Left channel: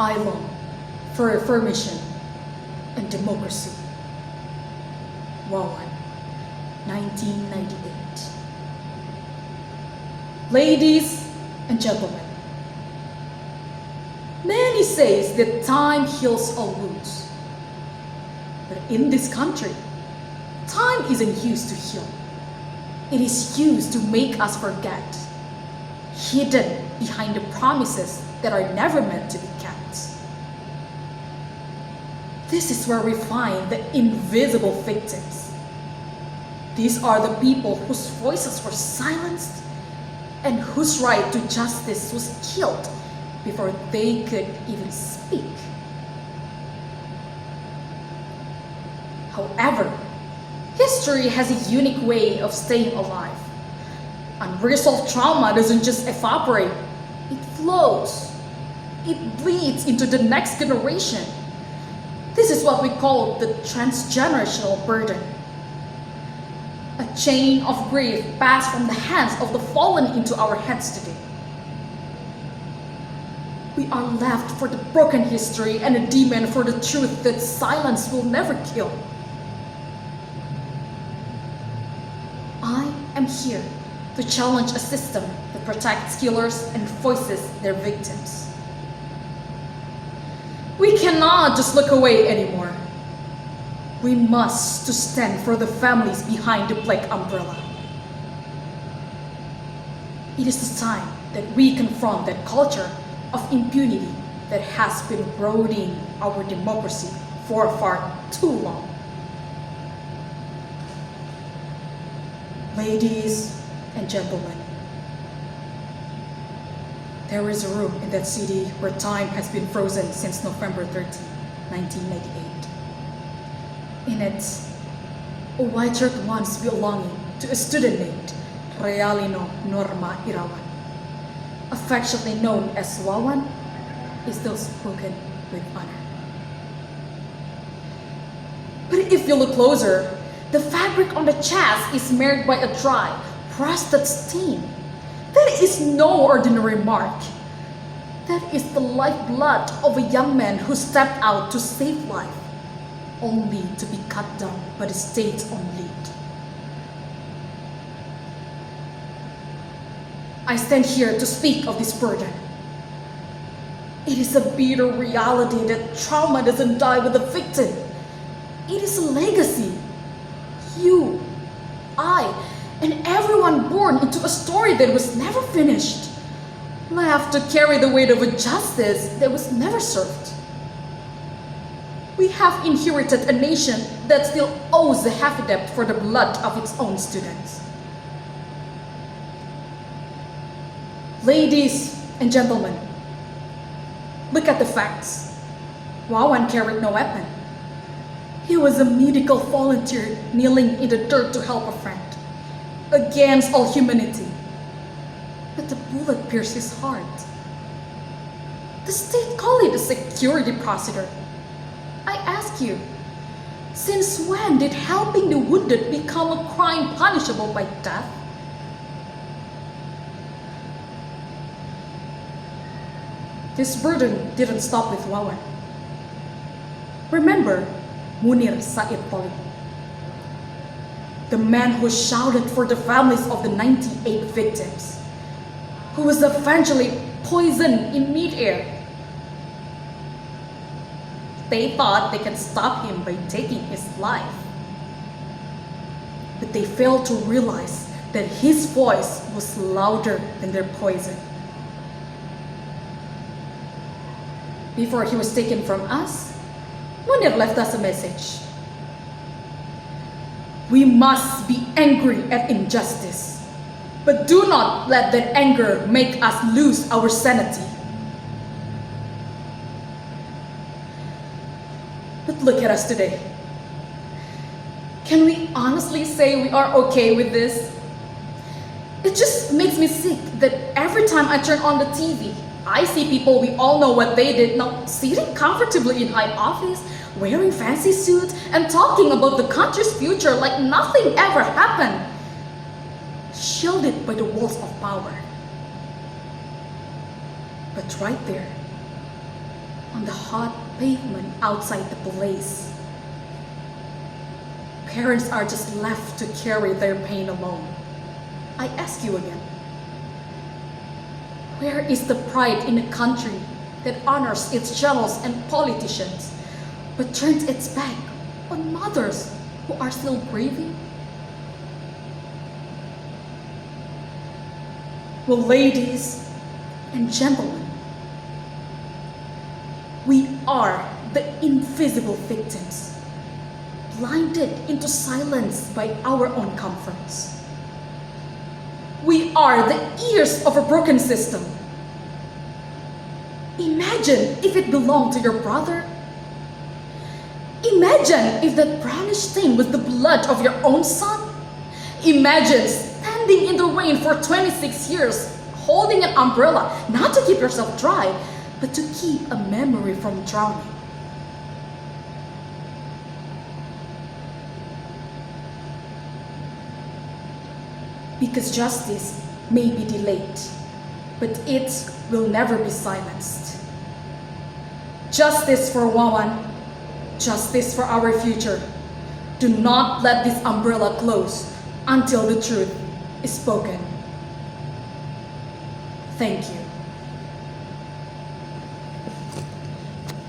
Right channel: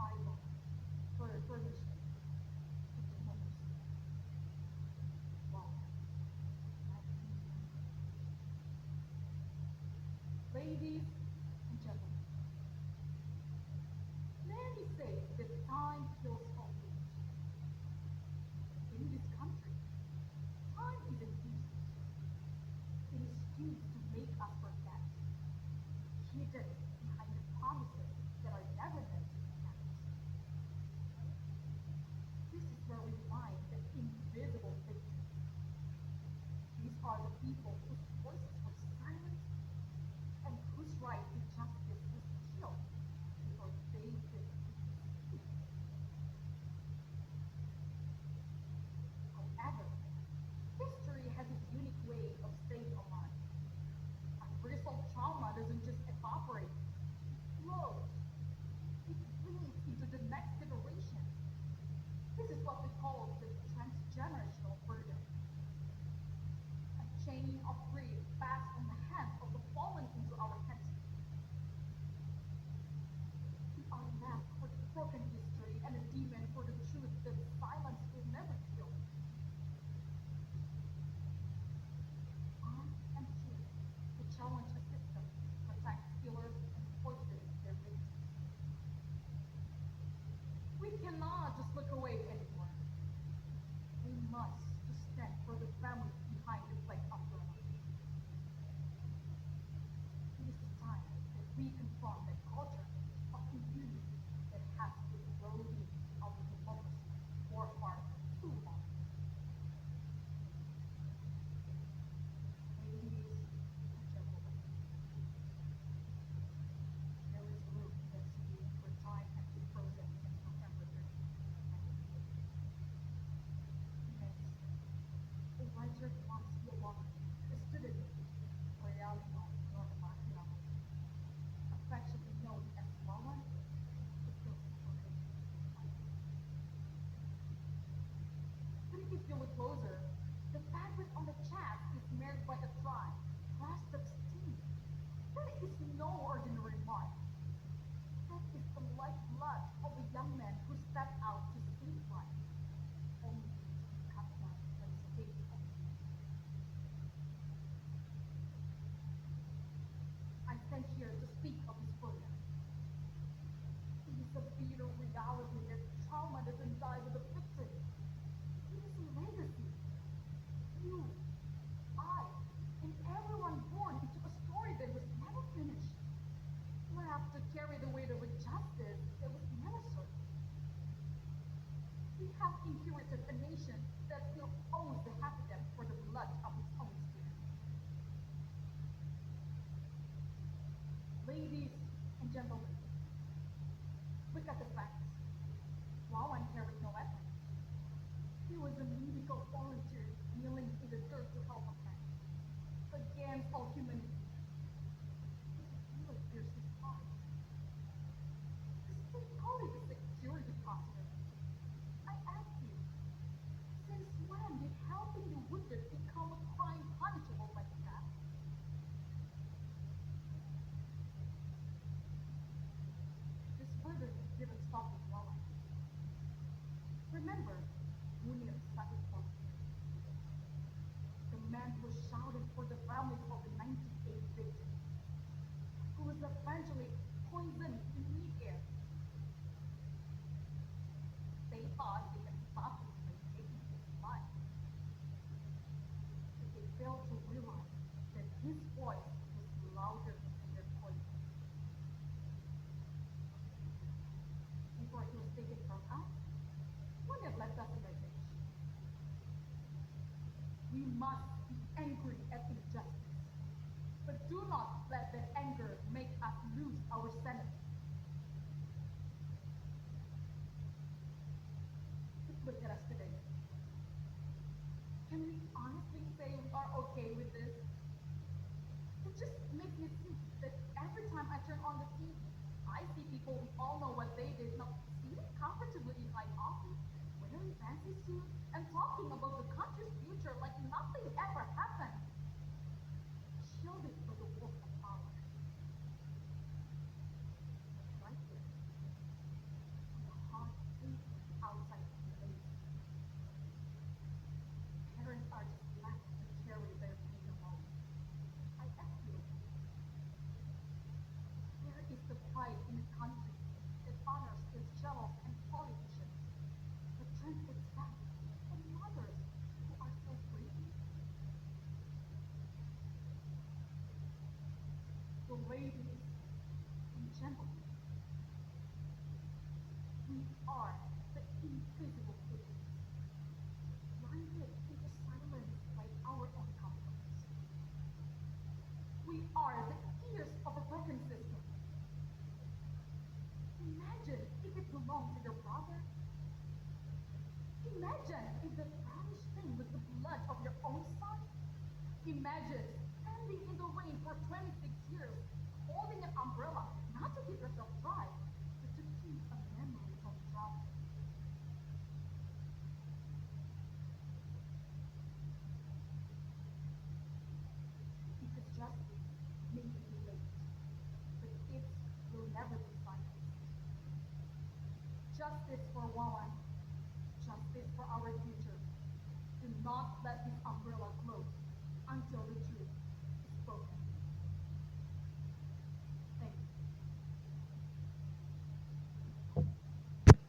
I long for reformation and democracy. Wawan, 1998. Ladies and gentlemen, many say that time heals all wounds. But in this country, time isn't used to heal. It is used to make us forget, hidden behind the promises that are never meant to be kept. This is where we find the invisible victims. These are the people whose voices were silenced and whose right to justice was killed before they could even speak. However, history has a unique way of staying alive. Unresolved trauma doesn't just evaporate, it flows. It bleeds into the next generation. This is what we call the transgenerational burden. A chain of grief passed from the hands of the fallen into our hands today. We are left for the broken history and a demand for the truth that silence will never kill. I am here to challenge a system that protects killers and voices their victims. We cannot just look away anymore. We must stand for the families behind the black umbrella. It is the time that we confront that culture of impunity that has been eroding our democracy for far too long. Ladies and gentlemen, there is a room in that city where time has been frozen since November 30, 1998. In it, a white shirt once belonging to a student named Realino Norma Irawan, affectionately known as Wawan, is still spoken with honor. But if you look closer, the fabric on the chest is marked by a dry, rusted stain. That is no ordinary mark. That is the lifeblood of a young man who stepped out to save life, only to be cut down by the state's own lead. I stand here to speak of this burden. It is a bitter reality that trauma doesn't die with the victim. It is a legacy. You, I, and everyone born into a story that was never finished, left to carry the weight of a justice that was never served. We have inherited a nation that still owes a heavy debt for the blood of its own students. Ladies and gentlemen, look at the facts. Wawan carried no weapon. He was a medical volunteer kneeling in the dirt to help a friend, against all humanity. But the bullet pierced his heart. The state called it a security procedure. I ask you, since when did helping the wounded become a crime punishable by death? This burden didn't stop with Wawan. Remember Munir Said Polit, the man who shouted for the families of the 98 victims, who was eventually poisoned in midair. They thought they could stop him by taking his life. But they failed to realize that his voice was louder than their poison. Before he was taken from us, Munir left us a message. We must be angry at injustice, but do not let that anger make us lose our sanity. But look at us today. Can we honestly say we are okay with this? It just makes me sick that every time I turn on the TV, I see people we all know what they did now sitting comfortably in high office, wearing fancy suits, and talking about the country's future like nothing ever happened, shielded by the walls of power. But right there, on the hot pavement outside the place. Parents are just left to carry their pain alone. I ask you again, where is the pride in a country that honors its generals and politicians, but turns its back on mothers who are still grieving? Well, ladies and gentlemen, we are the invisible victims, blinded into silence by our own comforts. We are the ears of a broken system. Imagine if it belonged to your brother. Imagine if that brownish stain was the blood of your own son. Imagine standing in the rain for 26 years, holding an umbrella, not to keep yourself dry, but to keep a memory from drowning. Because justice may be delayed, but it will never be silenced. Justice for Wawan, justice for our future. Do not let this umbrella close until the truth is spoken. Thank you.